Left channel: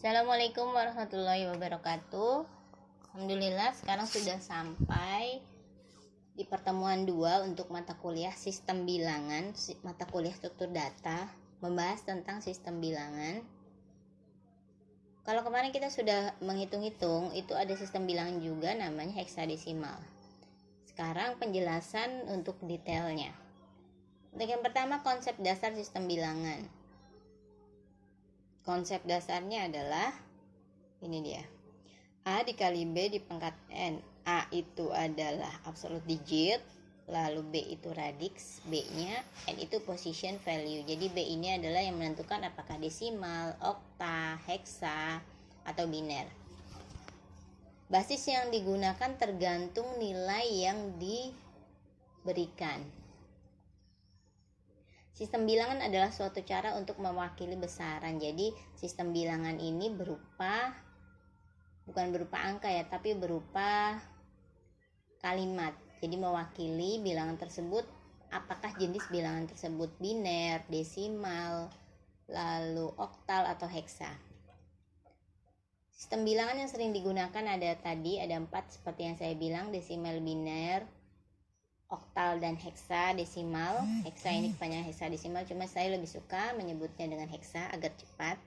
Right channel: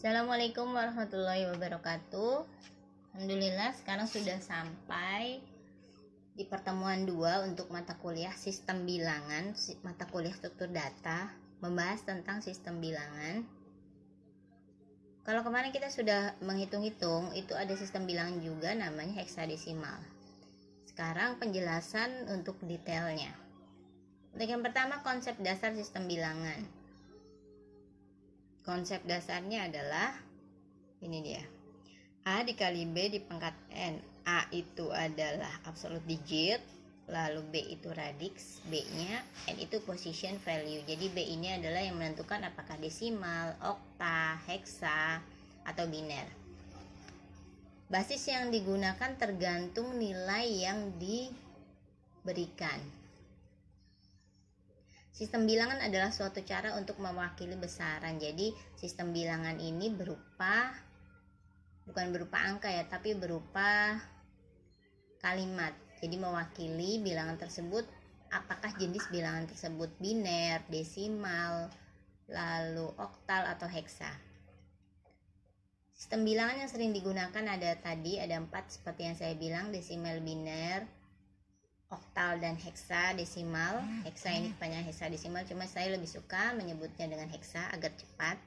Assalamualaikum warahmatullahi wabarakatuh. Alhamdulillah sekarang sudah sampai di pertemuan 2 untuk mata kuliah sistem bilangan, mata kuliah struktur data, membahas tentang sistem bilangan. Kalau kemarin kita sudah menghitung-hitung, itu ada sistem bilangan juga namanya heksadesimal. Sekarang penjelasan untuk detailnya. Untuk yang pertama, konsep dasar sistem bilangan. Konsep dasarnya adalah ini dia. A dikali B di pangkat N. A itu adalah absolute digit, lalu B itu radix, B-nya, N itu position value. Jadi B ini adalah yang menentukan apakah desimal, okta, heksa, atau biner. Basis yang digunakan tergantung nilai yang diberikan. Sistem bilangan adalah suatu cara untuk mewakili besaran. Jadi sistem bilangan ini bukan berupa angka ya, tapi berupa kalimat. Jadi mewakili bilangan tersebut, apakah jenis bilangan tersebut biner, desimal, lalu oktal atau heksa. Sistem bilangan yang sering digunakan ada 4 seperti yang saya bilang, desimal, biner, oktal, dan heksadesimal. Heksa ini kepanjangan heksadesimal, cuma saya lebih suka menyebutnya dengan heksa agar cepat.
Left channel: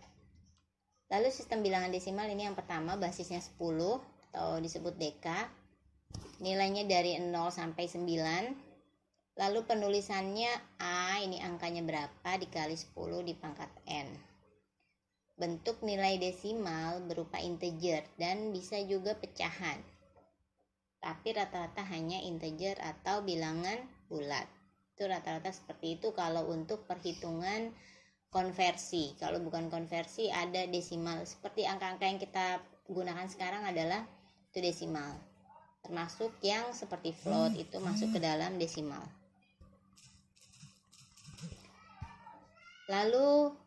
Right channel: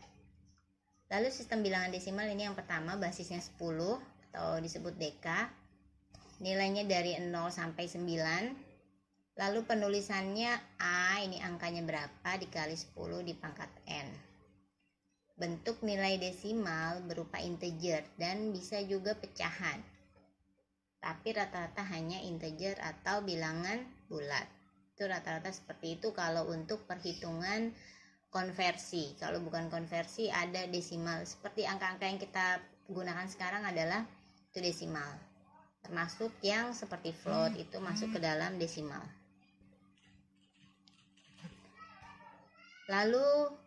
Lalu sistem bilangan desimal ini yang pertama, basisnya 10 atau disebut deka. Nilainya dari 0 sampai 9. Lalu penulisannya A, ini angkanya berapa, dikali 10 di pangkat N. Bentuk nilai desimal berupa integer dan bisa juga pecahan. Tapi rata-rata hanya integer atau bilangan bulat. Itu rata-rata seperti itu kalau untuk perhitungan konversi. Kalau bukan konversi ada desimal. Seperti angka-angka yang kita gunakan sekarang adalah itu desimal. Termasuk yang seperti float itu masuk ke dalam desimal. Lalu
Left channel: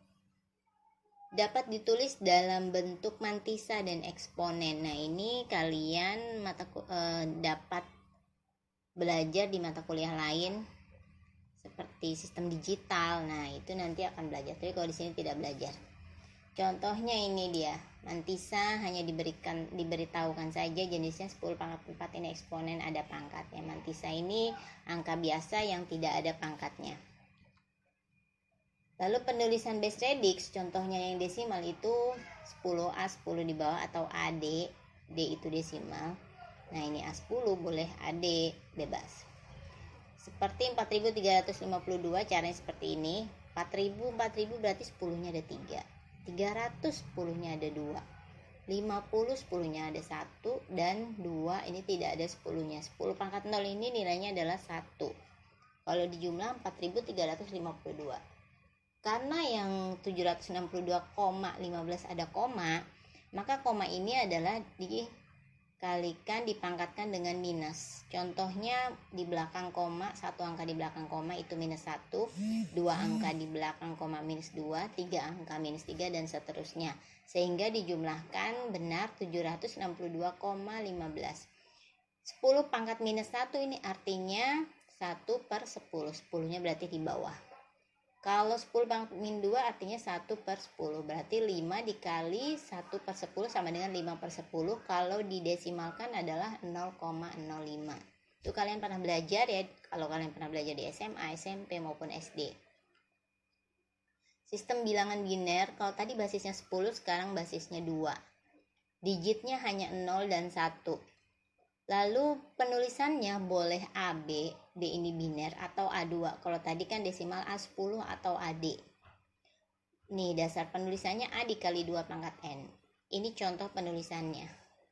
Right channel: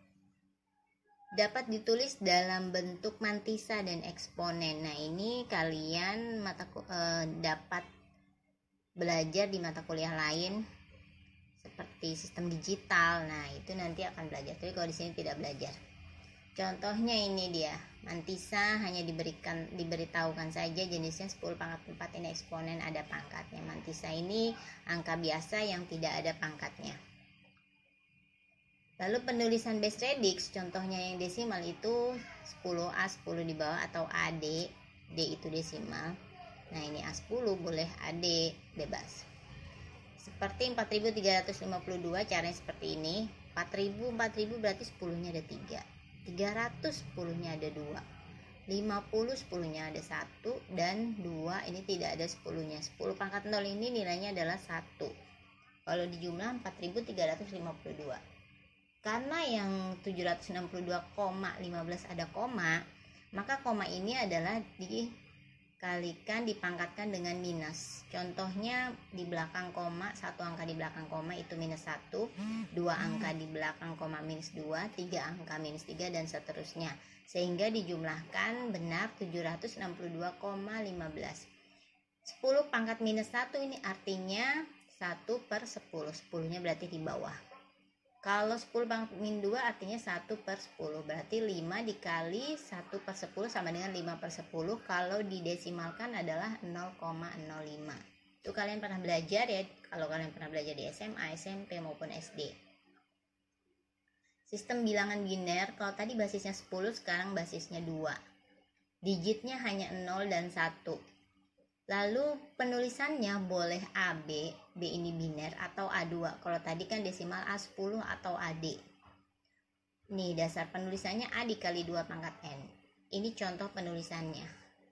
dapat ditulis dalam bentuk mantisa dan eksponen. Nah, ini kalian dapat belajar di mata kuliah lain seperti sistem digital. Nah, itu nanti akan belajar. Tapi kalau di sini tidak belajar. Contohnya ini dia. Mantisa hanya diberitahukan saja jenisnya 10 pangkat 4, ini eksponen ada pangkatnya. Mantisa ini angka biasa yang tidak ada pangkatnya. Lalu penulisan base radix, contohnya yang desimal itu 10A, 10 di bawah atau AD. D itu desimal. Nah, ini A10 boleh AD bebas. Seperti 4352, caranya seperti ini. 4000 berarti 10-nya ada 3. 300 10-nya ada 2. 50 10-nya ada 1 dan 2 ini tidak ada 10-nya. 10 pangkat 0 ini nilainya adalah 1. Kalau dijumlah 4352. Karena yang 762,15 ada koma, maka koma ini adalah dipangkatkan dengan minus. Contohnya di belakang koma, 1 angka di belakang koma itu minus 1, 2 angka di belakang koma minus 2, 3 angka minus 3, dan seterusnya. Sehingga dijumlahkan benar 762,15. 10 pangkat minus 1 ini artinya 1/10. 10-nya berarti di bawah. Kalau 10 pangkat min 2 artinya 1/10. Berarti 5 dikali 1/10 sama dengan 5/10. Kalau didesimalkan adalah 0,05. Itu kalian pernah belajar ya, kalau kalian pernah belajar di SMA, SMP maupun SD. Sistem bilangan biner, kalau tadi basisnya 10, sekarang basisnya 2. Digitnya hanya 0 dan 1. Lalu penulisannya boleh AB, B ini biner, atau A2. Kalau tadi kan desimal A10 atau AD. Nih, dasar penulisannya A dikali 2 pangkat N. Ini contoh penulisannya.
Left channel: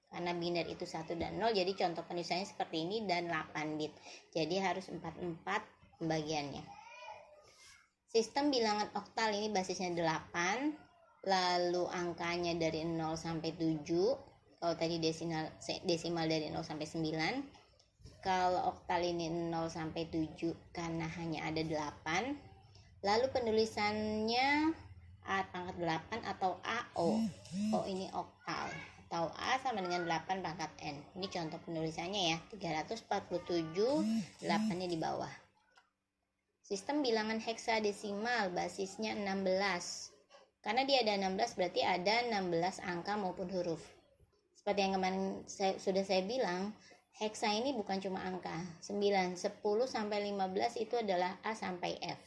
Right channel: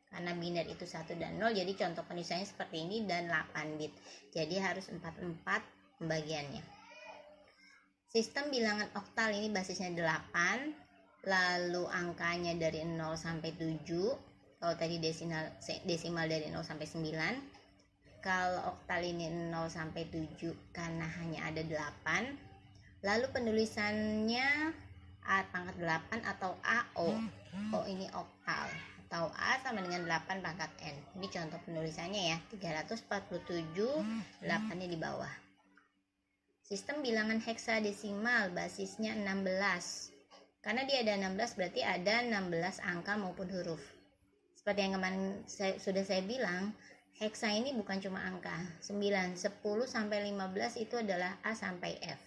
Karena biner itu 1 dan 0, jadi contoh penulisannya seperti ini dan 8 bit. Jadi harus 44 pembagiannya. Sistem bilangan oktal ini basisnya 8. Lalu angkanya dari 0 sampai 7. Kalau tadi desimal dari 0 sampai 9. Kalau oktal ini 0 sampai 7 karena hanya ada 8. Lalu penulisannya A pangkat 8 atau AO. O ini oktal. Atau A sama dengan 8 pangkat N. Ini contoh penulisannya ya. 347, 8-nya di bawah. Sistem bilangan heksadesimal basisnya 16. Karena dia ada 16 berarti ada 16 angka maupun huruf. Seperti yang kemarin sudah saya bilang, heksa ini bukan cuma angka. 9, 10 sampai 15 itu adalah A sampai F.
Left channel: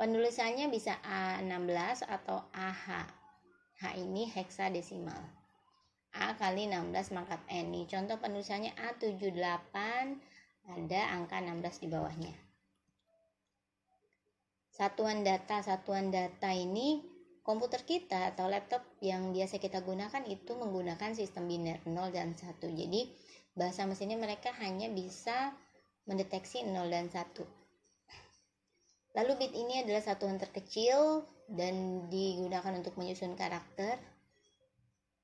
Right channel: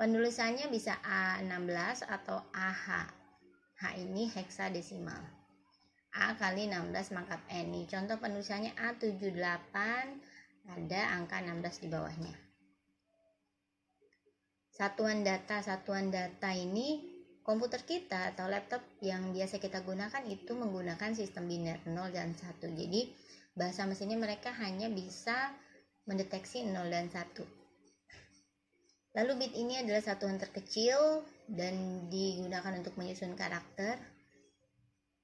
Penulisannya bisa A16 atau AH. H ini heksadesimal. A kali 16 pangkat N. Ini contoh penulisannya A78, ada angka 16 di bawahnya. Satuan data ini komputer kita atau laptop yang biasa kita gunakan itu menggunakan sistem biner 0 dan 1. Jadi bahasa mesinnya mereka hanya bisa mendeteksi 0 dan 1. Lalu bit ini adalah satuan terkecil dan digunakan untuk menyusun karakter.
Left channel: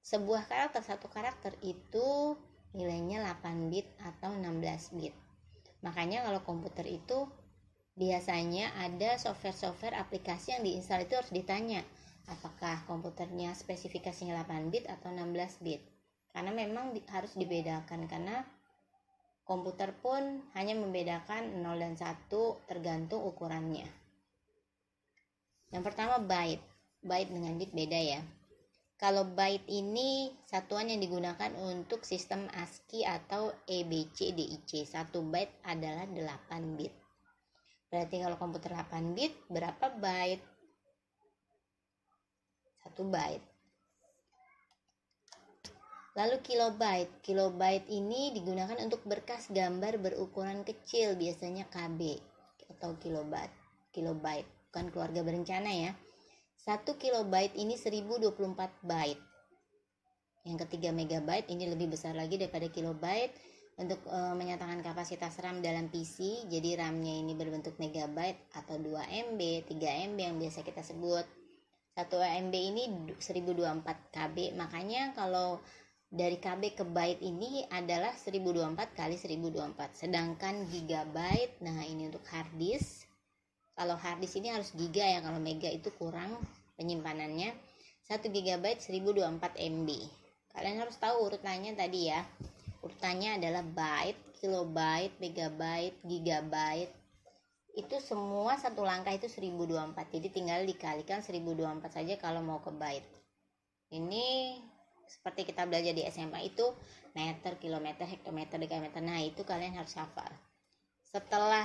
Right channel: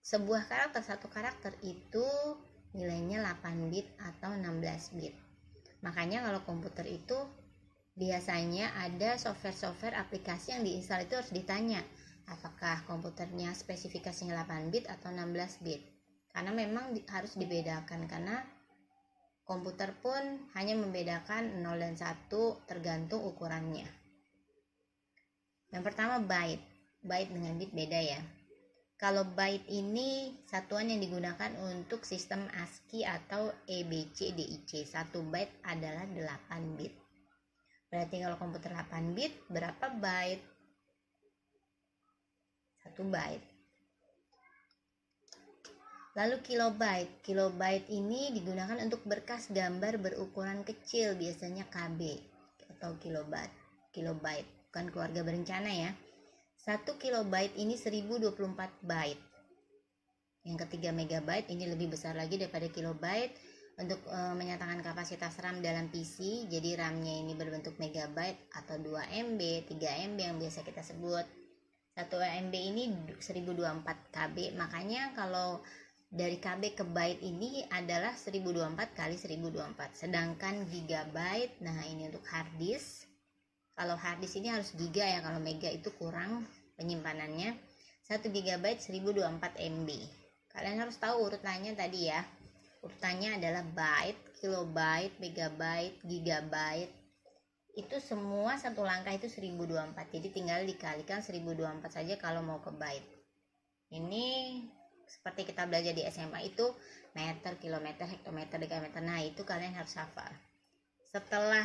Sebuah karakter, satu karakter itu nilainya 8 bit atau 16 bit. Makanya kalau komputer itu biasanya ada software aplikasi yang diinstal itu harus ditanya apakah komputernya spesifikasinya 8 bit atau 16 bit. Karena memang harus dibedakan, karena komputer pun hanya membedakan 0 dan 1 tergantung ukurannya. Yang pertama byte. Byte dengan bit beda ya. Kalau byte ini satuan yang digunakan untuk sistem ASCII atau EBCDIC. 1 byte adalah 8 bit. Berarti kalau komputer 8 bit, berapa byte? 1 byte. Lalu kilobyte. Kilobyte ini digunakan untuk berkas gambar berukuran kecil, biasanya KB atau kilobyte. Kilobyte, bukan keluarga berencana ya. 1 kilobyte ini 1024 byte. Yang ketiga megabyte, ini lebih besar lagi daripada kilobyte. Untuk menyatakan kapasitas RAM dalam PC, jadi RAM-nya ini berbentuk megabyte atau 2 MB, 3 MB yang biasa kita sebut. 1 MB ini 1024 KB, makanya kalau dari KB ke byte ini adalah 1024 kali 1024. Sedangkan gigabyte, nah ini untuk hard disk. Kalau hard disk ini harus giga ya, kalau mega itu kurang penyimpanannya. 1 gigabyte 1024 MB. Kalian harus tahu urutannya tadi ya. Urutannya adalah byte, kilobyte, megabyte, gigabyte. Itu semua satu langkah itu 1024. Jadi tinggal dikalikan 1024 saja kalau mau ke byte. Ini seperti kita belajar di SMA itu meter, kilometer, hektometer, dekameter. Nah, itu kalian harus hafal. Setelah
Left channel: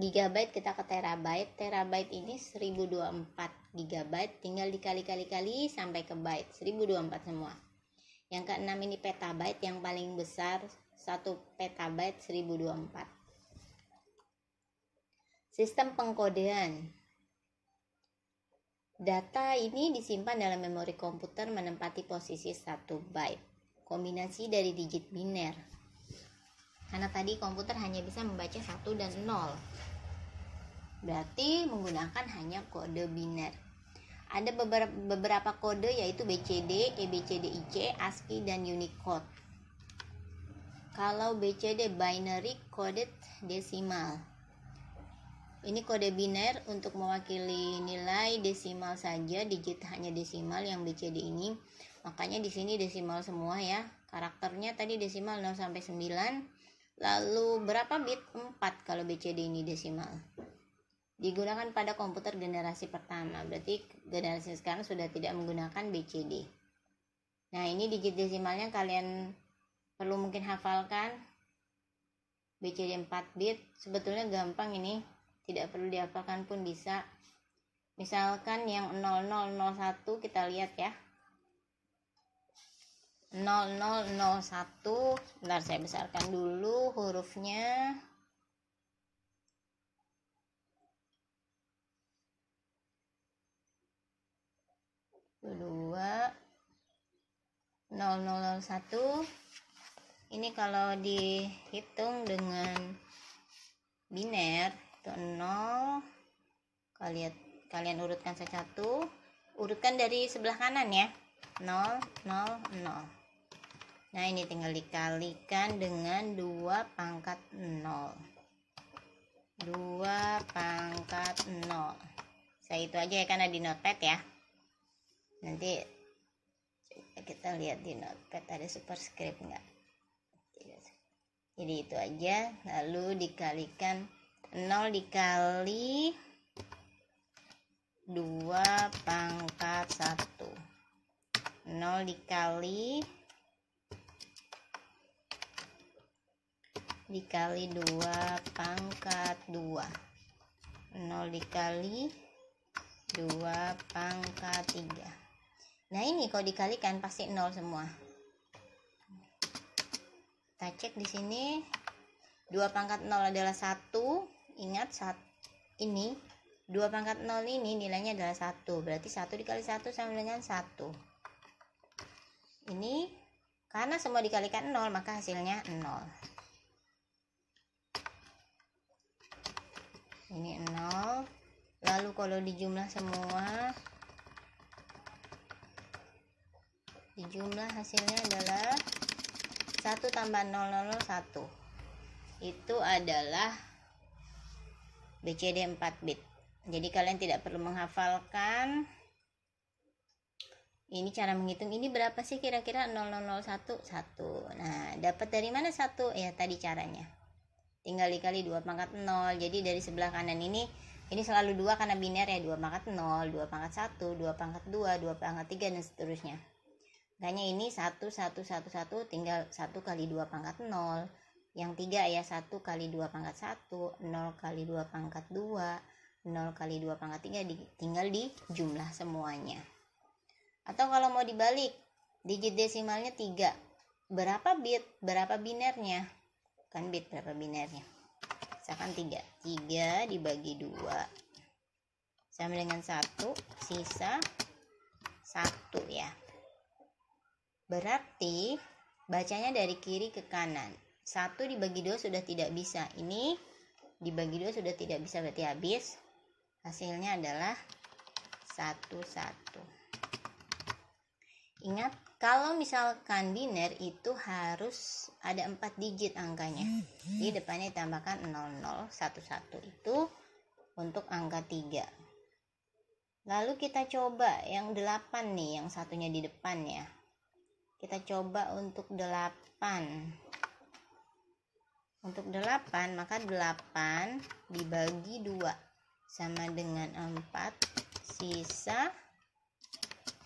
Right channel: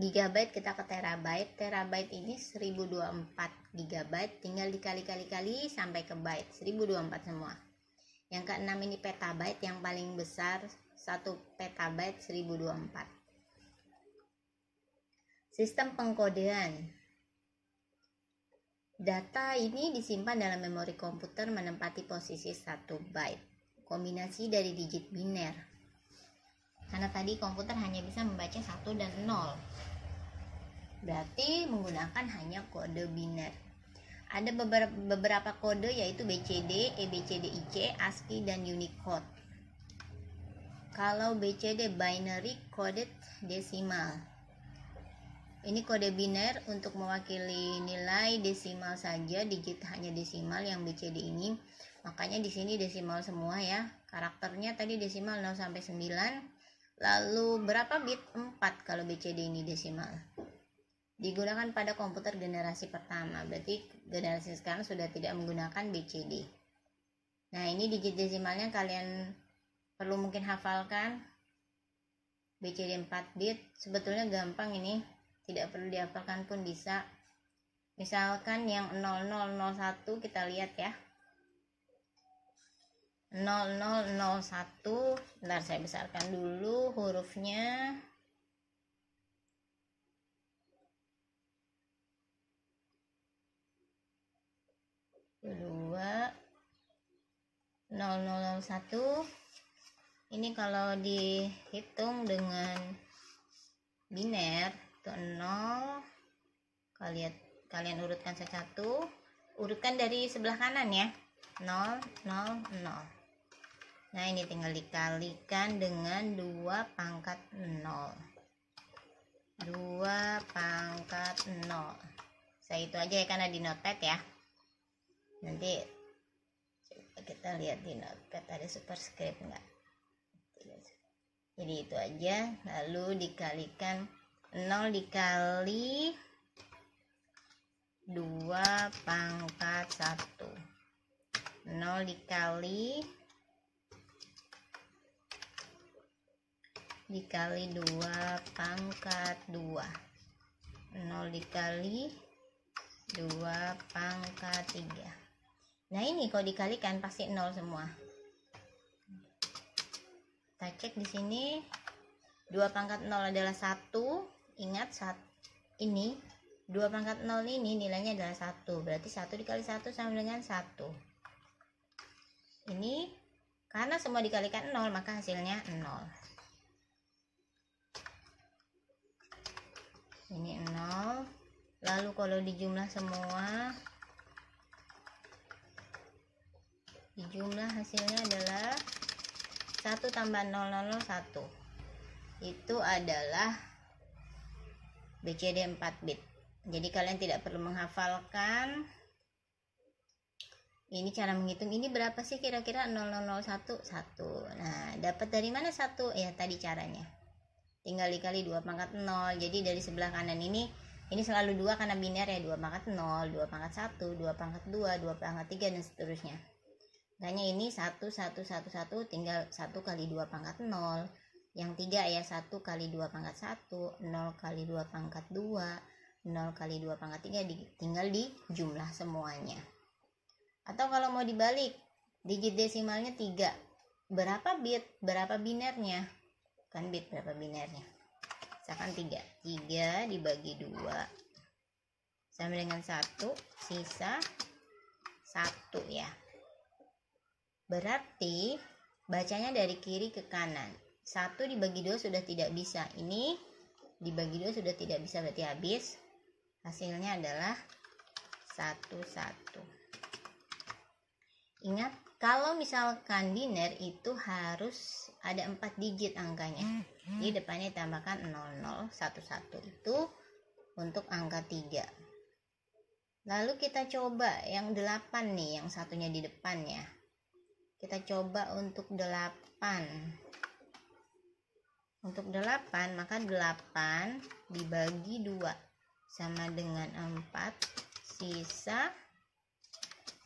gigabyte kita ke terabyte. Terabyte ini 1024 gigabyte, tinggal dikali-kali sampai ke byte. 1024 semua. Yang keenam ini petabyte, yang paling besar 1 petabyte 1024. Sistem pengkodean. Data ini disimpan dalam memori komputer menempati posisi 1 byte. Kombinasi dari digit biner. Karena tadi komputer hanya bisa membaca 1 dan 0. Berarti menggunakan hanya kode biner. Ada beberapa kode yaitu BCD, EBCDIC, ASCII, dan Unicode. Kalau BCD binary coded decimal. Ini kode biner untuk mewakili nilai desimal saja, digit hanya desimal yang BCD ini. Makanya di sini desimal semua ya. Karakternya tadi desimal 0 sampai 9. Lalu berapa bit? 4 kalau BCD ini desimal. Digunakan pada komputer generasi pertama, berarti generasi sekarang sudah tidak menggunakan BCD. Nah, ini digit desimalnya kalian perlu mungkin hafalkan. BCD 4 bit, sebetulnya gampang ini, tidak perlu dihafalkan pun bisa. Misalkan yang 0001 kita lihat ya. 0001, bentar saya besarkan dulu hurufnya. 0001 ini kalau dihitung dengan biner itu 0. Kalian urutkan satu, urutkan dari sebelah kanan ya, 0 0 0. Nah, ini tinggal dikalikan dengan 2 pangkat 0. 2 pangkat 0. Saya itu aja ya karena di notepad ya. Nanti coba kita lihat di notepad ada superscript enggak. Jadi itu aja, lalu dikalikan 0 dikali 2 pangkat 1. 0 dikali 2 pangkat 2. 0 dikali 2 pangkat 3. Nah ini kalau dikalikan pasti 0 semua. Kita cek di sini 2 pangkat 0 adalah 1. Ingat ini 2 pangkat 0 ini nilainya adalah 1. Berarti 1 dikali 1 sama dengan 1. Ini karena semua dikalikan 0 maka hasilnya 0. Ini 0. Lalu kalau dijumlah semua, dijumlah hasilnya adalah 1 tambah 0, 1. Itu adalah BCD 4 bit. Jadi kalian tidak perlu menghafalkan. Ini cara menghitung, ini berapa sih kira-kira 0001? 1. Nah, dapat dari mana 1? Ya tadi caranya. Tinggal dikali 2 pangkat 0. Jadi dari sebelah kanan ini selalu 2 karena biner ya. 2 pangkat 0, 2 pangkat 1, 2 pangkat 2, 2 pangkat 3 dan seterusnya. Makanya ini 1, 1, 1, 1 tinggal 1 kali 2 pangkat 0. Yang 3 ya 1 kali 2 pangkat 1, 0 kali 2 pangkat 2, 0 kali 2 pangkat 3 tinggal dijumlah semuanya. Atau kalau mau dibalik, digit desimalnya 3. Berapa bit? Berapa binernya? Kan bit berapa binernya? Misalkan 3. 3 dibagi 2 sama dengan 1, sisa 1 ya. Berarti bacanya dari kiri ke kanan. 1 dibagi 2 sudah tidak bisa. Ini dibagi 2 sudah tidak bisa, berarti habis. Hasilnya adalah 1, 1. Ingat, kalau misalkan biner itu harus ada 4 digit angkanya. Jadi depannya ditambahkan 00, 11 itu untuk angka 3. Lalu kita coba yang 8 nih, yang satunya di depannya. Kita coba untuk 8. Untuk 8, maka 8 dibagi 2 sama dengan 4, sisa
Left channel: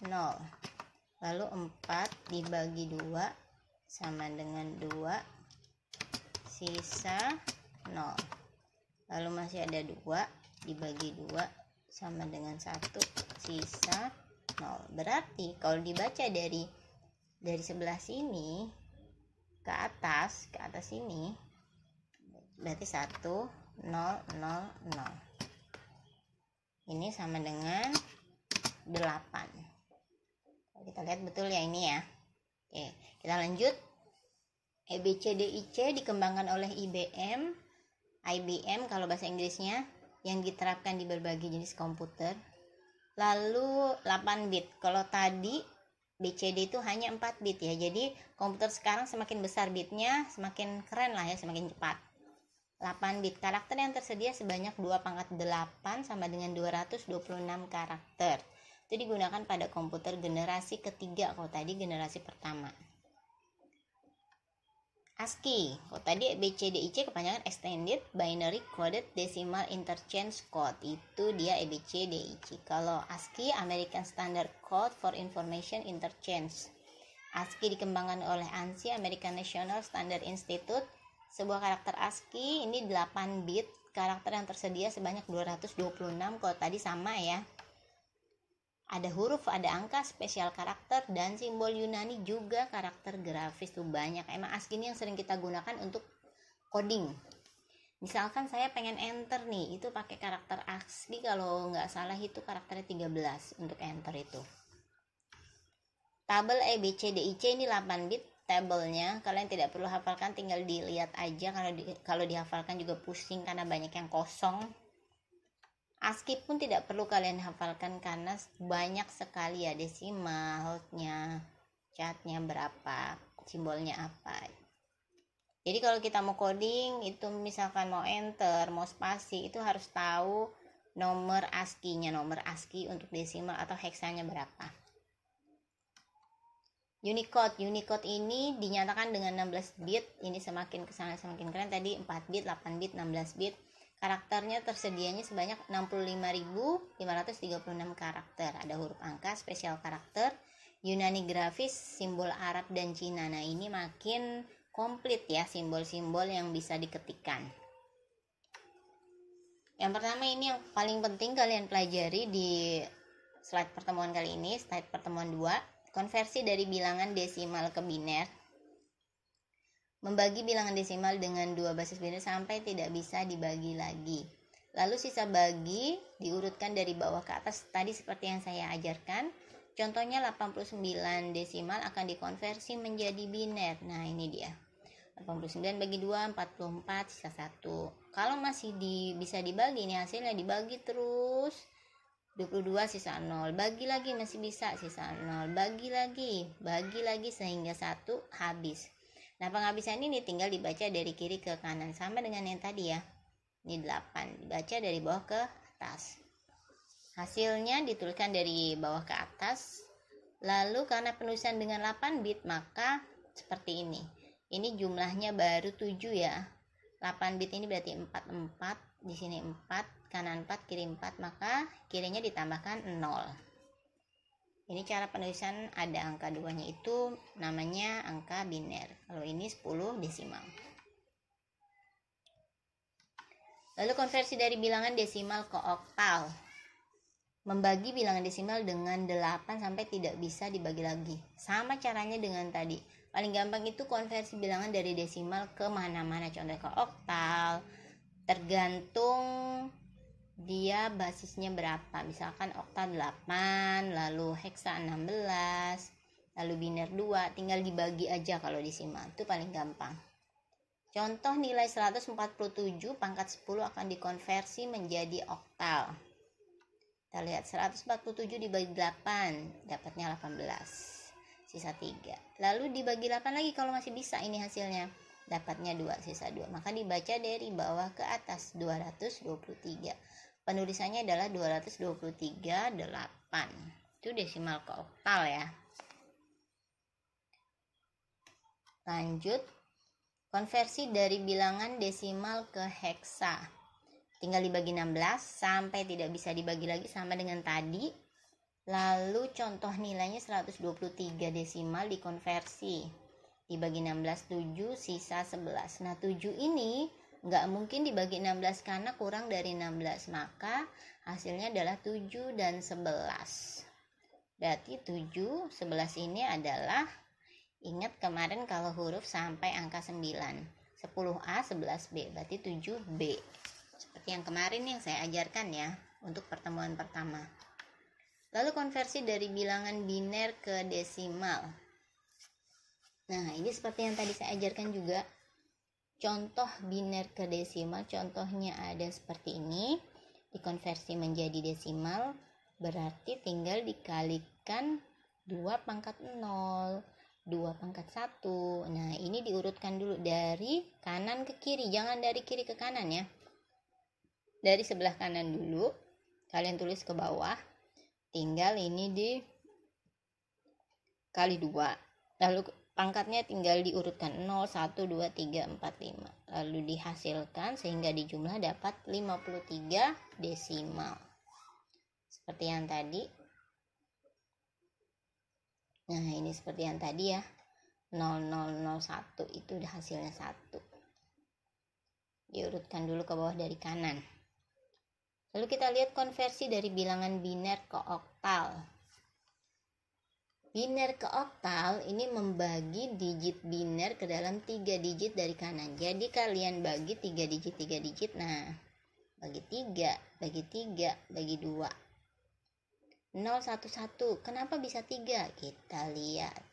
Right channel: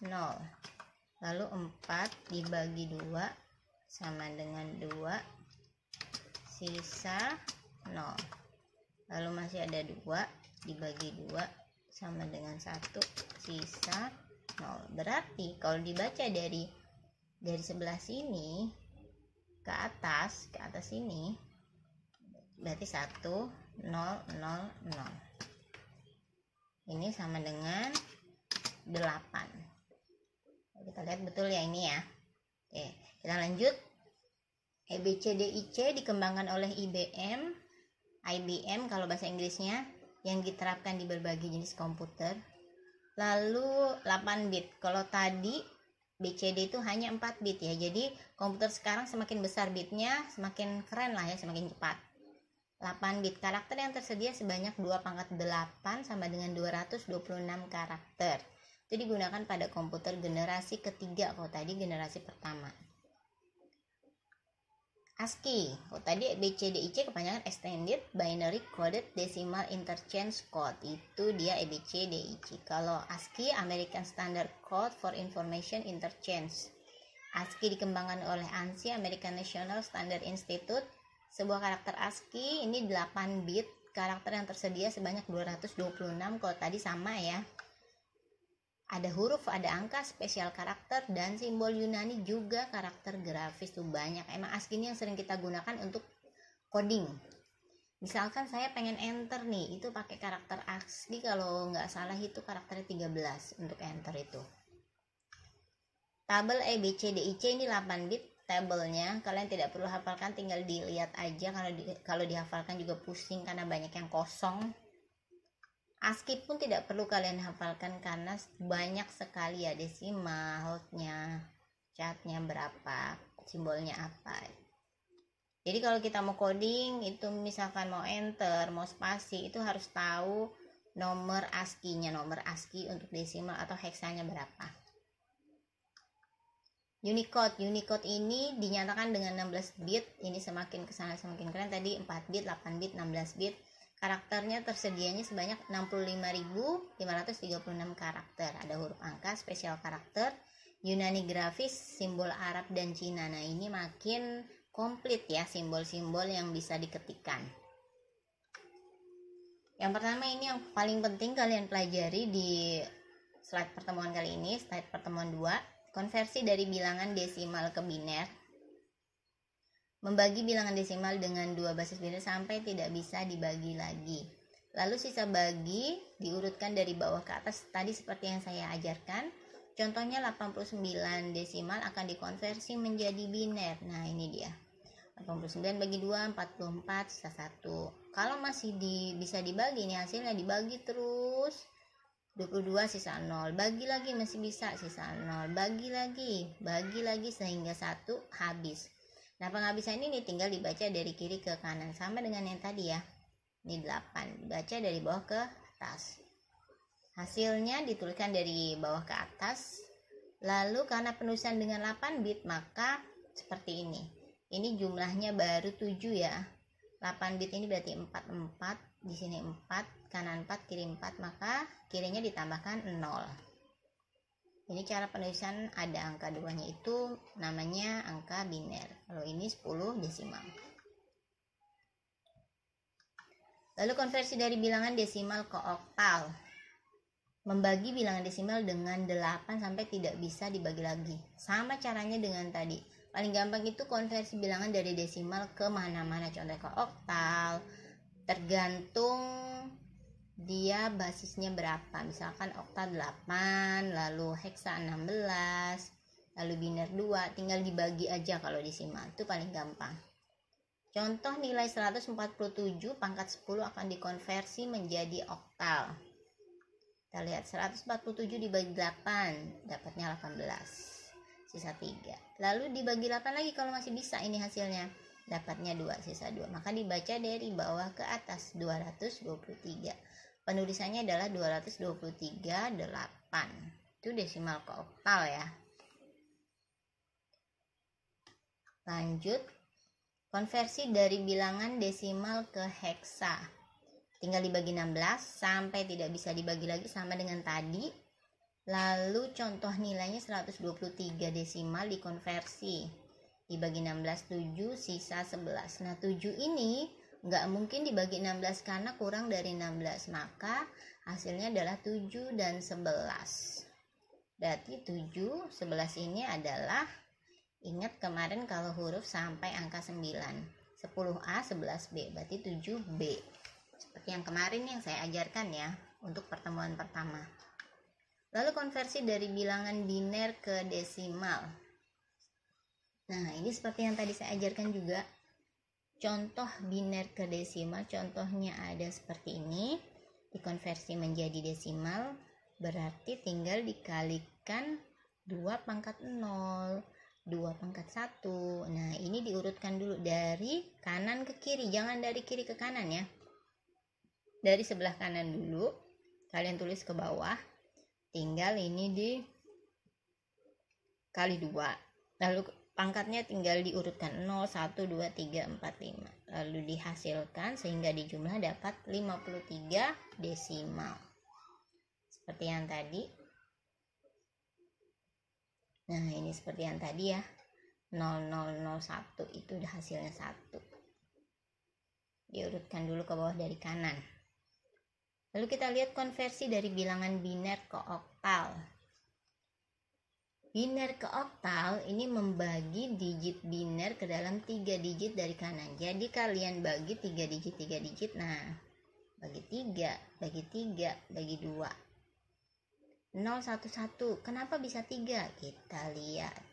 0. Lalu 4 dibagi 2 sama dengan 2, sisa 0. Lalu masih ada 2 dibagi 2 sama dengan 1, sisa 0. Berarti kalau dibaca dari sebelah sini ke atas sini, berarti 1, 0, 0, 0. Ini sama dengan 8. Kita lihat betul ya ini ya. Oke, kita lanjut. EBCDIC dikembangkan oleh IBM kalau bahasa Inggrisnya, yang diterapkan di berbagai jenis komputer. Lalu 8 bit. Kalau tadi BCD itu hanya 4 bit ya. Jadi komputer sekarang semakin besar bitnya, semakin keren lah ya, semakin cepat. 8 bit. Karakter yang tersedia sebanyak 2 pangkat 8 sama dengan 226 karakter. Itu digunakan pada komputer generasi ketiga, kalau tadi generasi pertama. ASCII, kalau tadi EBCDIC kepanjangan Extended Binary Coded Decimal Interchange Code, itu dia EBCDIC. Kalau ASCII, American Standard Code for Information Interchange. ASCII dikembangkan oleh ANSI, American National Standard Institute. Sebuah karakter ASCII ini 8 bit, karakter yang tersedia sebanyak 226, kalau tadi sama ya. Ada huruf, ada angka, spesial karakter, dan simbol Yunani, juga karakter grafis tuh banyak. Emang ASCII ini yang sering kita gunakan untuk coding. Misalkan saya pengen enter nih, itu pakai karakter ASCII, kalau nggak salah itu karakternya 13 untuk enter itu. Tabel EBCDIC ini 8 bit tabelnya. Kalian tidak perlu hafalkan, tinggal dilihat aja. Kalau dihafalkan juga pusing karena banyak yang kosong. ASCII pun tidak perlu kalian hafalkan karena banyak sekali ya desimalnya, catnya berapa, simbolnya apa. Jadi kalau kita mau coding itu misalkan mau enter, mau spasi, itu harus tahu nomor ASCII-nya, nomor ASCII untuk desimal atau heksanya berapa. Unicode ini dinyatakan dengan 16 bit. Ini semakin kesana semakin keren. Tadi 4 bit, 8 bit, 16 bit. Karakternya tersedianya sebanyak 65.536 karakter. Ada huruf angka, spesial karakter, Yunani grafis, simbol Arab dan Cina. Nah, ini makin komplit ya simbol-simbol yang bisa diketikkan. Yang pertama ini yang paling penting kalian pelajari di slide pertemuan kali ini, slide pertemuan 2, konversi dari bilangan desimal ke biner. Membagi bilangan desimal dengan 2 basis biner sampai tidak bisa dibagi lagi. Lalu sisa bagi diurutkan dari bawah ke atas tadi seperti yang saya ajarkan. Contohnya 89 desimal akan dikonversi menjadi biner. Nah, ini dia. 89 bagi 2, 44, sisa 1. Kalau masih bisa dibagi, ini hasilnya dibagi terus. 22 sisa 0. Bagi lagi masih bisa, sisa 0. Bagi lagi sehingga 1 habis. Nah, penghabisan ini tinggal dibaca dari kiri ke kanan sama dengan yang tadi ya. Ini 8, dibaca dari bawah ke atas. Hasilnya dituliskan dari bawah ke atas. Lalu karena penulisan dengan 8 bit maka seperti ini. Ini jumlahnya baru 7 ya. 8 bit ini berarti 44, di sini 4, kanan 4, kiri 4, maka kirinya ditambahkan 0. Ini cara penulisan ada angka 2-nya itu namanya angka biner. Kalau ini 10 desimal. Lalu konversi dari bilangan desimal ke oktal. Membagi bilangan desimal dengan 8 sampai tidak bisa dibagi lagi. Sama caranya dengan tadi. Paling gampang itu konversi bilangan dari desimal ke mana-mana. Contoh ke oktal. Tergantung dia basisnya berapa, misalkan okta 8, lalu heksa 16, lalu biner 2, tinggal dibagi aja kalau desimal, itu paling gampang. Contoh nilai 147 pangkat 10 akan dikonversi menjadi oktal. Kita lihat 147 dibagi 8, dapatnya 18, sisa 3. Lalu dibagi 8 lagi kalau masih bisa, ini hasilnya dapatnya 2, sisa 2. Maka dibaca dari bawah ke atas, 223. Penulisannya adalah 223,8. Itu desimal ke oktal ya. Lanjut, konversi dari bilangan desimal ke heksa. Tinggal dibagi 16 sampai tidak bisa dibagi lagi sama dengan tadi. Lalu contoh nilainya 123 desimal dikonversi. Dibagi 16, 7, sisa 11. Nah, 7 ini nggak mungkin dibagi 16 karena kurang dari 16, maka hasilnya adalah 7 dan 11. Berarti 7, 11 ini adalah, ingat kemarin kalau huruf sampai angka 9, 10A, 11B, berarti 7B. Seperti yang kemarin yang saya ajarkan ya untuk pertemuan pertama. Lalu konversi dari bilangan biner ke desimal. Nah, ini seperti yang tadi saya ajarkan juga. Contoh biner ke desimal, contohnya ada seperti ini. Dikonversi menjadi desimal, berarti tinggal dikalikan 2 pangkat 0, 2 pangkat 1. Nah, ini diurutkan dulu dari kanan ke kiri, jangan dari kiri ke kanan ya. Dari sebelah kanan dulu, kalian tulis ke bawah. Tinggal ini dikali 2. Lalu pangkatnya tinggal diurutkan 0, 1, 2, 3, 4, 5. Lalu dihasilkan sehingga dijumlah dapat 53 desimal. Seperti yang tadi. Nah, ini seperti yang tadi ya. 0001 itu hasilnya 1. Diurutkan dulu ke bawah dari kanan. Lalu kita lihat konversi dari bilangan biner ke oktal. Biner ke oktal ini membagi digit biner ke dalam 3 digit dari kanan. Jadi kalian bagi 3 digit. Nah, bagi 3, bagi 3, bagi 2. 0, 1, 1. Kenapa bisa 3? Kita lihat.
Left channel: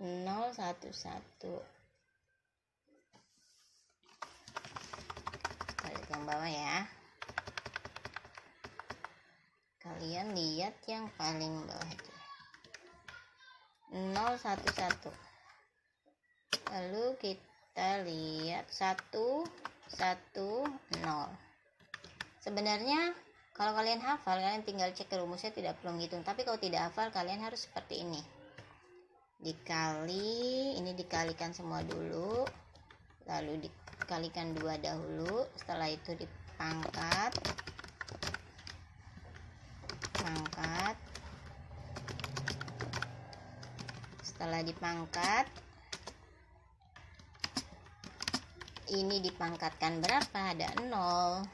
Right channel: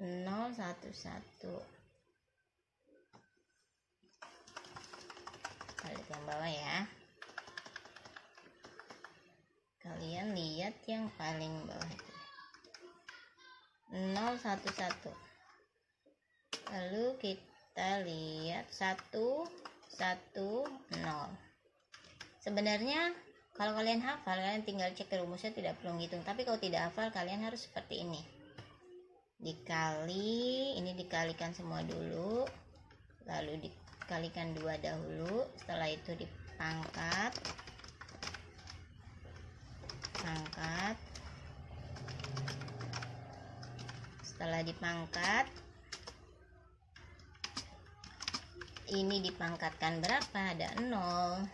0, 1, 1. Kita lihat yang bawah ya. Kalian lihat yang paling bawah itu. 0, 1, 1. Lalu kita lihat 1, 1, 0. Sebenarnya kalau kalian hafal, kalian tinggal cek rumusnya, tidak perlu ngitung. Tapi kalau tidak hafal, kalian harus seperti ini. Dikali, ini dikalikan semua dulu. Lalu kalikan 2 dahulu, setelah itu dipangkat, setelah dipangkat ini dipangkatkan berapa? Ada 0,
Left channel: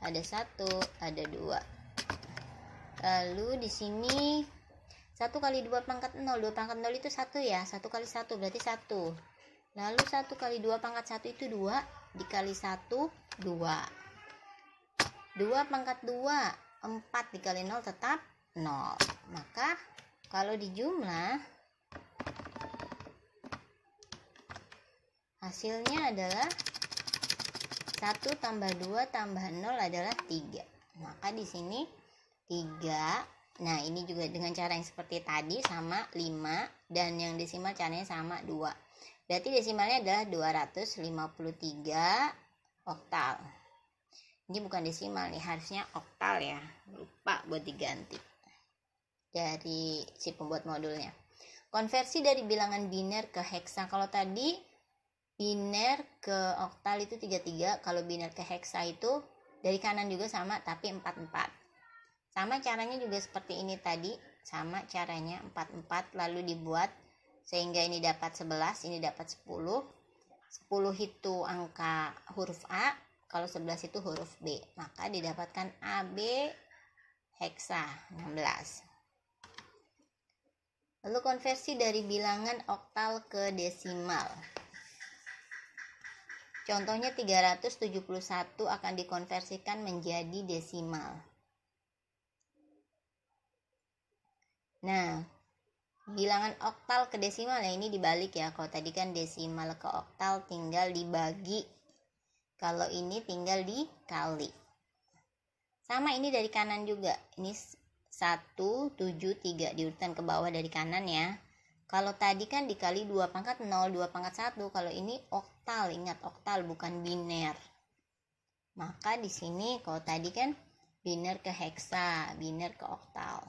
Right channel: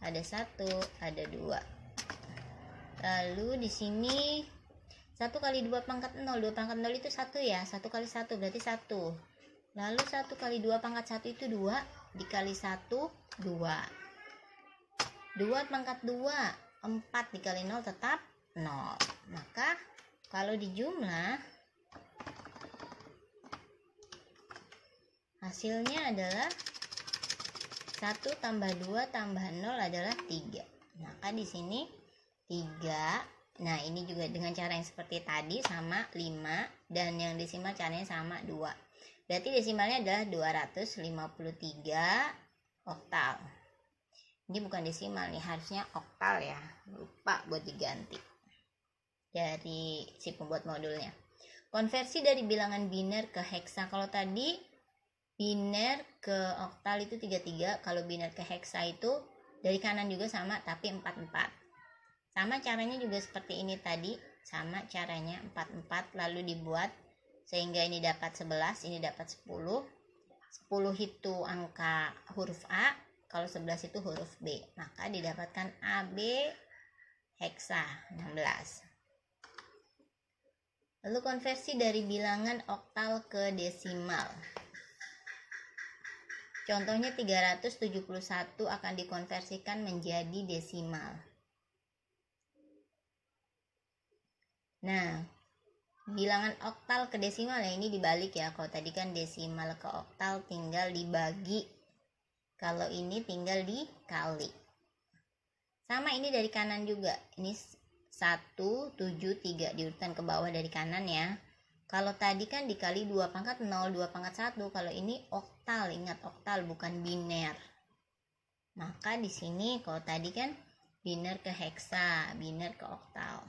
ada 1, ada 2. Lalu di sini 1 kali 2 pangkat 0, 2 pangkat 0 itu 1 ya, 1 kali 1 berarti 1. Lalu 1 kali 2 pangkat 1 itu 2, dikali 1, 2. 2 pangkat 2, 4 dikali 0 tetap 0. Maka kalau dijumlah, hasilnya adalah 1 tambah 2 tambah 0 adalah 3. Maka di sini 3. Nah, ini juga dengan cara yang seperti tadi sama 5, dan yang desimal caranya sama 2. Berarti desimalnya adalah 253 oktal. Ini bukan desimal nih, harusnya oktal ya. Lupa buat diganti dari si pembuat modulnya. Konversi dari bilangan biner ke heksa. Kalau tadi biner ke oktal itu 33, kalau biner ke heksa itu dari kanan juga sama tapi 44. Sama caranya juga seperti ini tadi, sama caranya 44, lalu dibuat sehingga ini dapat 11, ini dapat 10. 10 itu angka huruf A, kalau 11 itu huruf B, maka didapatkan AB heksa 16. Lalu konversi dari bilangan oktal ke desimal. Contohnya 371 akan dikonversikan menjadi desimal. Nah, bilangan oktal ke desimal ya, ini dibalik ya. Kalau tadi kan desimal ke oktal tinggal dibagi. Kalau ini tinggal dikali. Sama ini dari kanan juga. Ini 1, 7, 3 diurutkan ke bawah dari kanan ya. Kalau tadi kan dikali 2 pangkat 0, 2 pangkat 1. Kalau ini oktal, ingat oktal bukan biner. Maka di sini kalau tadi kan biner ke heksa, biner ke oktal.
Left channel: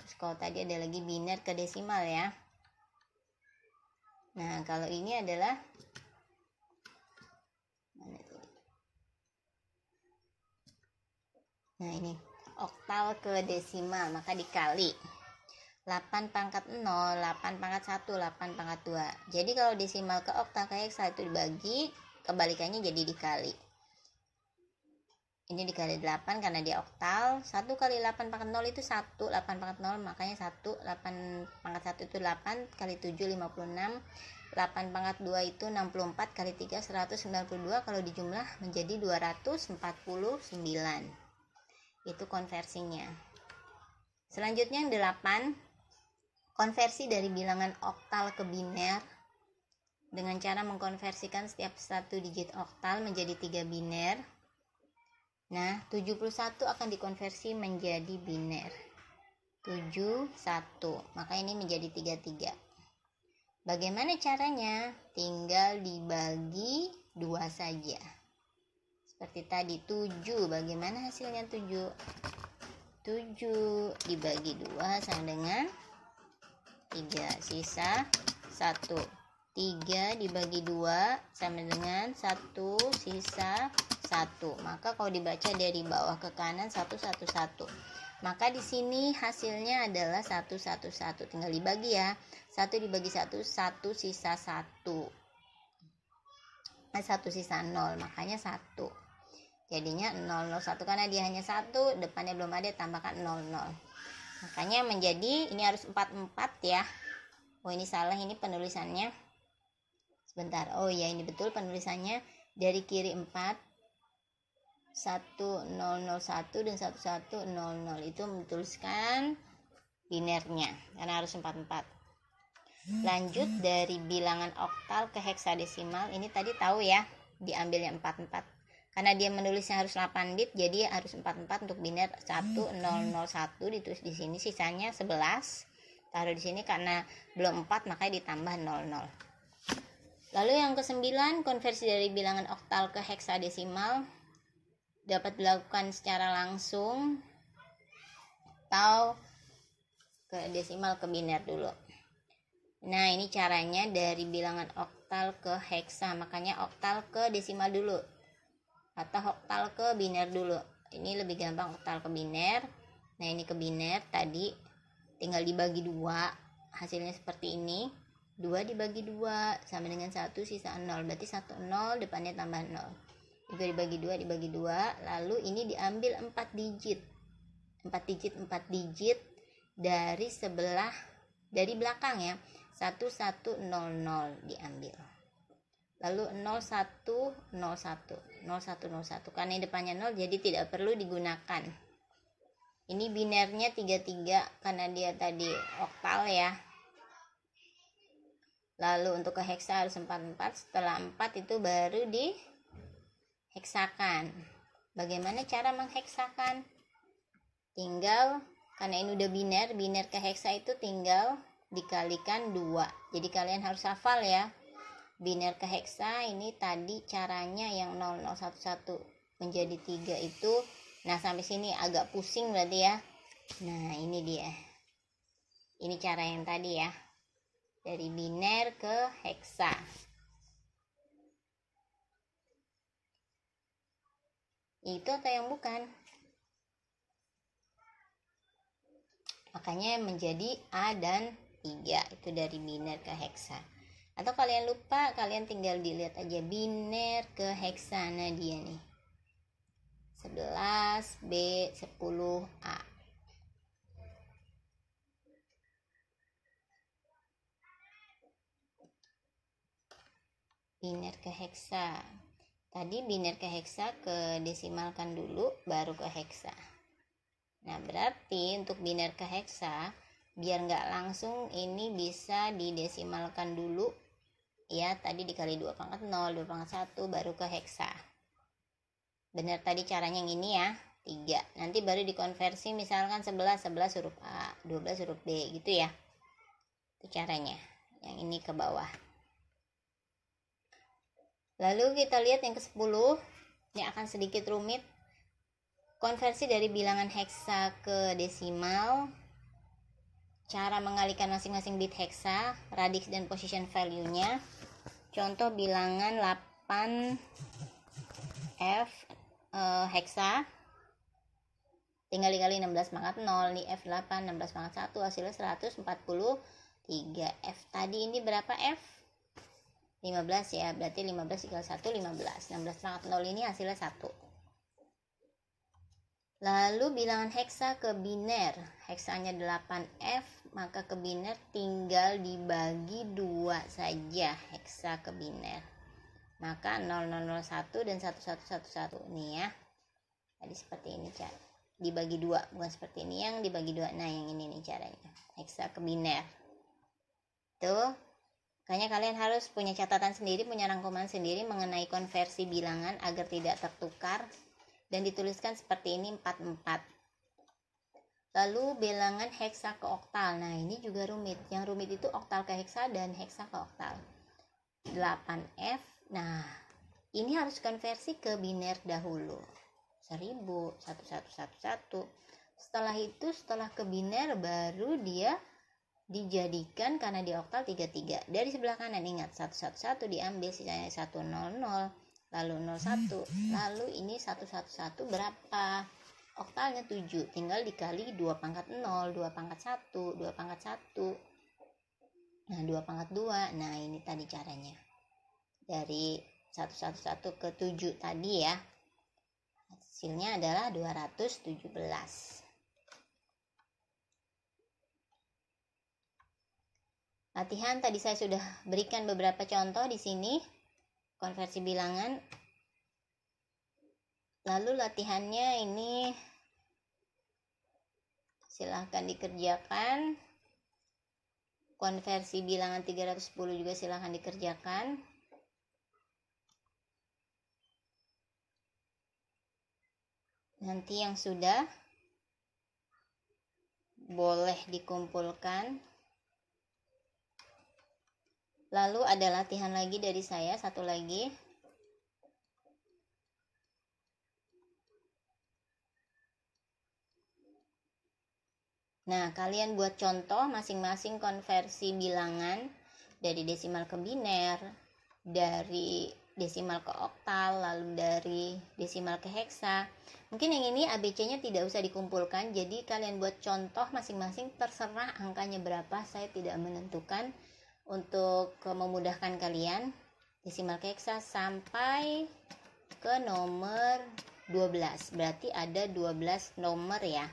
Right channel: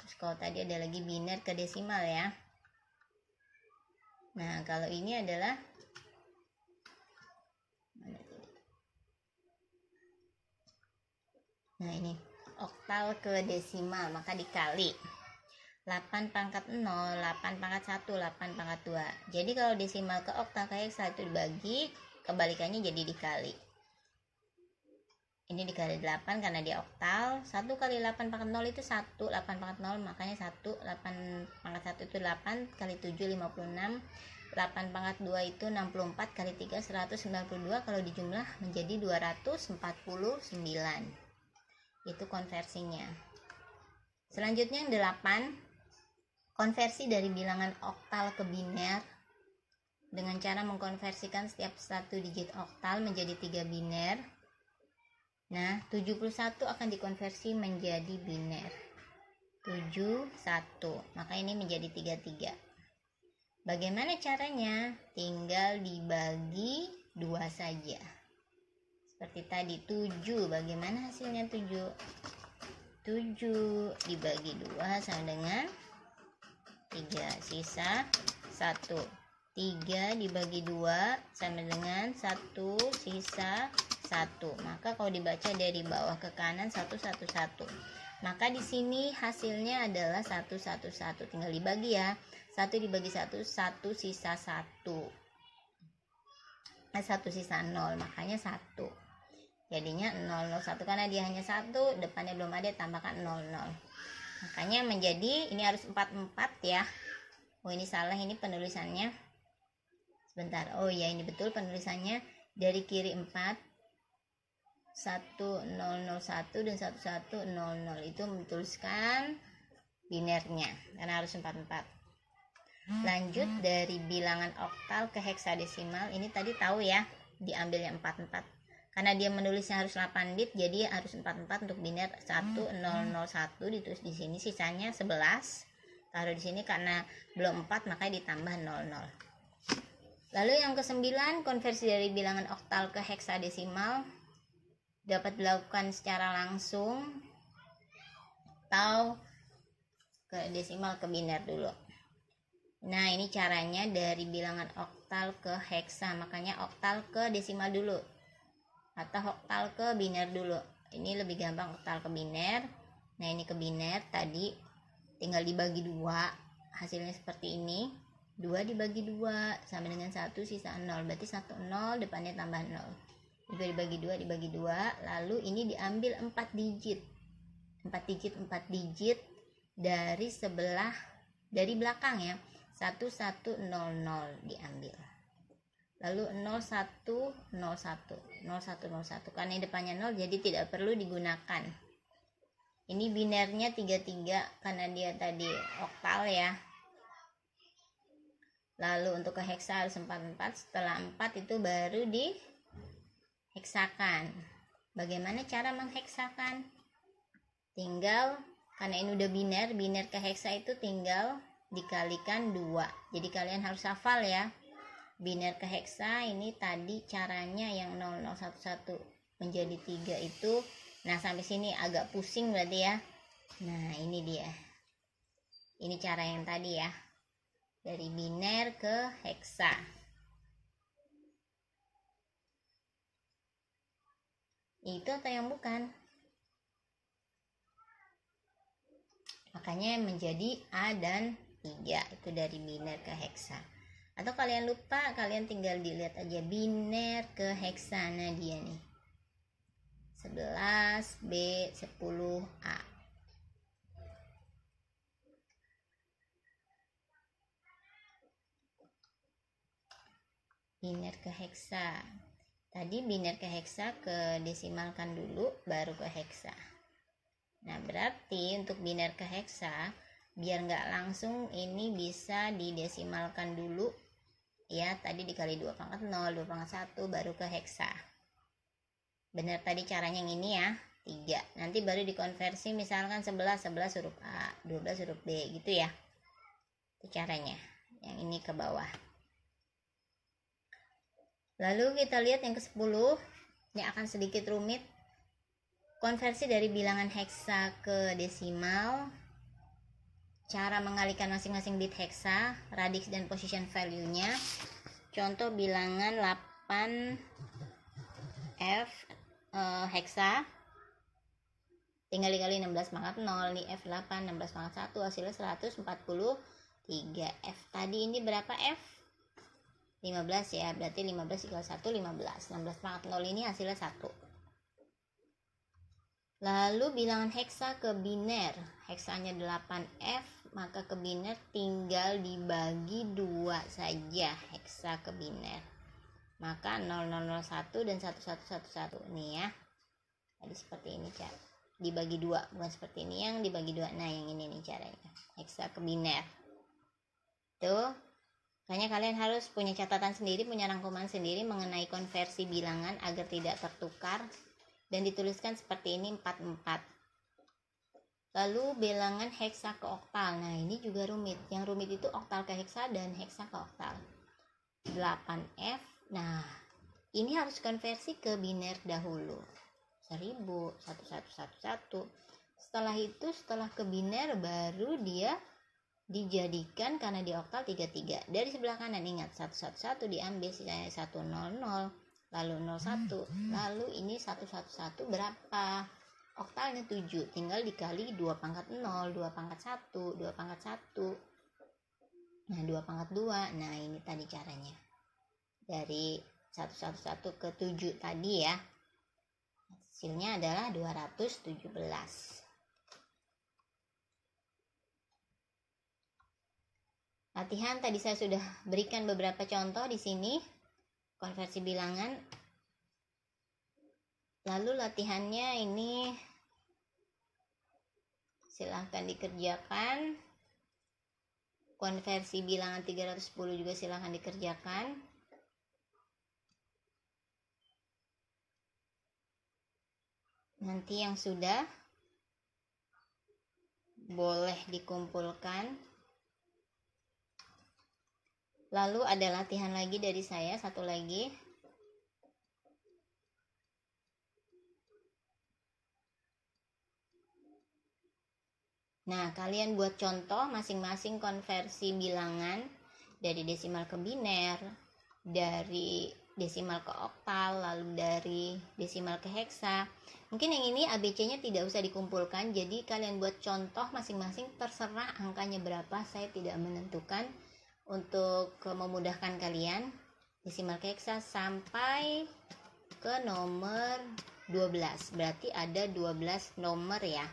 Terus kalau tadi ada lagi biner ke desimal ya. Nah, kalau ini adalah ini oktal ke desimal, maka dikali 8 pangkat 0, 8 pangkat 1, 8 pangkat 2. Jadi kalau desimal ke oktal ke heksa itu dibagi, kebalikannya jadi dikali. Ini dikali 8 karena dia oktal. 1 kali 8 pangkat 0 itu 1, 8 pangkat 0 makanya 1, 8 pangkat 1 itu 8, kali 7 56, 8 pangkat 2 itu 64, kali 3 192, kalau dijumlah menjadi 249. Itu konversinya. Selanjutnya yang 8, konversi dari bilangan oktal ke biner dengan cara mengkonversikan setiap satu digit oktal menjadi 3 biner. Nah, 71 akan dikonversi menjadi biner 71, maka ini menjadi 33. Bagaimana caranya? Tinggal dibagi 2 saja. Seperti tadi 7, bagaimana hasilnya 7? 7 dibagi 2 sama dengan 3, sisa 1. 3 dibagi 2 sama dengan 1, sisa 1. Maka kalau dibaca dari bawah ke kanan 1 1 1. Maka di sini hasilnya adalah 1 1 1. Tinggal dibagi ya. 1 dibagi 1, 1 sisa 1. 1 sisa 0, makanya 1. Jadinya 001 karena dia hanya 1, depannya belum ada, tambahkan 00. Makanya menjadi ini harus 44 ya. Oh, ini salah, ini penulisannya. Sebentar. Oh ya, ini betul penulisannya. Dari kiri 4, 1001 dan 1100 itu menuliskan binernya karena harus 44. Lanjut dari bilangan oktal ke heksadesimal. Ini tadi tahu ya, diambilnya 44. Karena dia menulisnya harus 8 bit, jadi harus 44 untuk biner 1001 ditulis di sini, sisanya 11. Taruh di sini karena belum 4 makanya ditambah 00. Lalu yang ke-9, konversi dari bilangan oktal ke heksadesimal dapat dilakukan secara langsung atau ke desimal ke biner dulu. Nah, ini caranya dari bilangan oktal ke heksa, makanya oktal ke desimal dulu atau oktal ke biner dulu. Ini lebih gampang oktal ke biner. Nah, ini ke biner tadi tinggal dibagi 2, hasilnya seperti ini. 2 dibagi 2 sama dengan 1 sisa 0, berarti 1 0 depannya tambah 0. Juga dibagi 2, lalu ini diambil 4 digit. 4 digit dari sebelah, dari belakang ya. 1100 diambil. Lalu 0101 karena depannya 0 jadi tidak perlu digunakan. Ini binernya 33 karena dia tadi oktal ya. Lalu untuk ke heksa harus 44, setelah 4 itu baru diheksakan. Bagaimana cara mengheksakan? Tinggal, karena ini udah biner ke heksa itu tinggal dikalikan 2. Jadi kalian harus hafal ya. Biner ke heksa ini tadi caranya yang 0011 menjadi 3 itu. Nah, sampai sini agak pusing berarti ya. Nah, ini dia. Ini cara yang tadi ya. Dari biner ke heksa. Itu atau yang bukan? Makanya menjadi A dan 3 itu dari biner ke heksa. Atau kalian lupa, kalian tinggal dilihat aja biner ke heksa. Nah, dia nih 11B 10A. Biner ke heksa. Tadi biner ke heksa ke desimalkan dulu baru ke heksa. Nah, berarti untuk biner ke heksa biar nggak langsung ini bisa didesimalkan dulu ya. Tadi dikali 2 pangkat 0, 2 pangkat 1 baru ke heksa. Benar tadi caranya yang ini ya, 3. Nanti baru dikonversi misalkan 11 huruf A, 12 huruf B gitu ya. Itu caranya. Yang ini ke bawah. Lalu kita lihat yang ke-10. Ini akan sedikit rumit. Konversi dari bilangan heksa ke desimal. Cara mengalihkan masing-masing bit heksa, radix dan position value-nya. Contoh bilangan 8F heksa. Tinggal dikali 16 pangkat 0, nih F8 16 pangkat 1 hasilnya 143. F tadi ini berapa F? 15 ya, berarti 15 dikali 1 15. 16 pangkat 0 ini hasilnya 1. Lalu bilangan heksa ke biner, heksanya 8F, maka ke biner tinggal dibagi 2 saja heksa ke biner. Maka 0001 dan 1111 nih ya. Tadi seperti ini cara. Dibagi 2, bukan seperti ini yang dibagi 2. Nah, yang ini nih caranya. Heksa ke biner. Tuh. Makanya kalian harus punya catatan sendiri, punya rangkuman sendiri mengenai konversi bilangan agar tidak tertukar. Dan dituliskan seperti ini 44. Lalu bilangan heksa ke oktal. Nah, ini juga rumit. Yang rumit itu oktal ke heksa dan heksa ke oktal. 8F. Nah, ini harus konversi ke biner dahulu. 1000, 1111. Setelah itu, setelah ke biner baru dia dijadikan karena di oktal 33. Dari sebelah kanan ingat 111 diambil sisanya 100, lalu 01, lalu ini 111 berapa? Oktalnya 7, tinggal dikali 2 pangkat 0, 2 pangkat 1, 2 pangkat 1. Nah, 2 pangkat 2. Nah, ini tadi caranya. Dari 111 ke 7 tadi ya. Hasilnya adalah 217. Latihan tadi saya sudah berikan beberapa contoh di sini konversi bilangan. Lalu latihannya ini silahkan dikerjakan. Konversi bilangan 310 juga silahkan dikerjakan. Nanti yang sudah boleh dikumpulkan. Lalu ada latihan lagi dari saya, satu lagi. Nah, kalian buat contoh masing-masing konversi bilangan dari desimal ke biner, dari desimal ke oktal, lalu dari desimal ke heksa. Mungkin yang ini ABC-nya tidak usah dikumpulkan, jadi kalian buat contoh masing-masing, terserah angkanya berapa, saya tidak menentukan. Untuk memudahkan kalian, desimal ke heksa sampai ke nomor 12, berarti ada 12 nomor ya,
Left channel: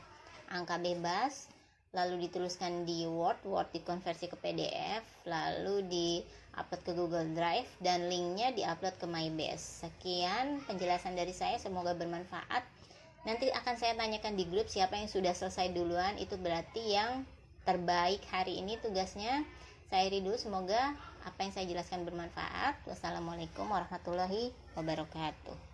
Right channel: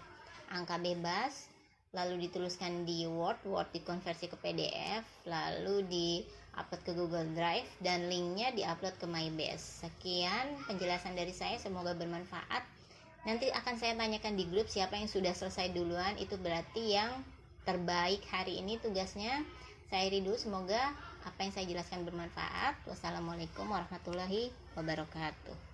angka bebas. Lalu dituliskan di Word dikonversi ke PDF, lalu di-upload ke Google Drive, dan linknya di-upload ke MyBase. Sekian penjelasan dari saya, semoga bermanfaat. Nanti akan saya tanyakan di grup siapa yang sudah selesai duluan, itu berarti yang terbaik hari ini tugasnya. Saya akhiri dulu, semoga apa yang saya jelaskan bermanfaat. Wassalamualaikum warahmatullahi wabarakatuh.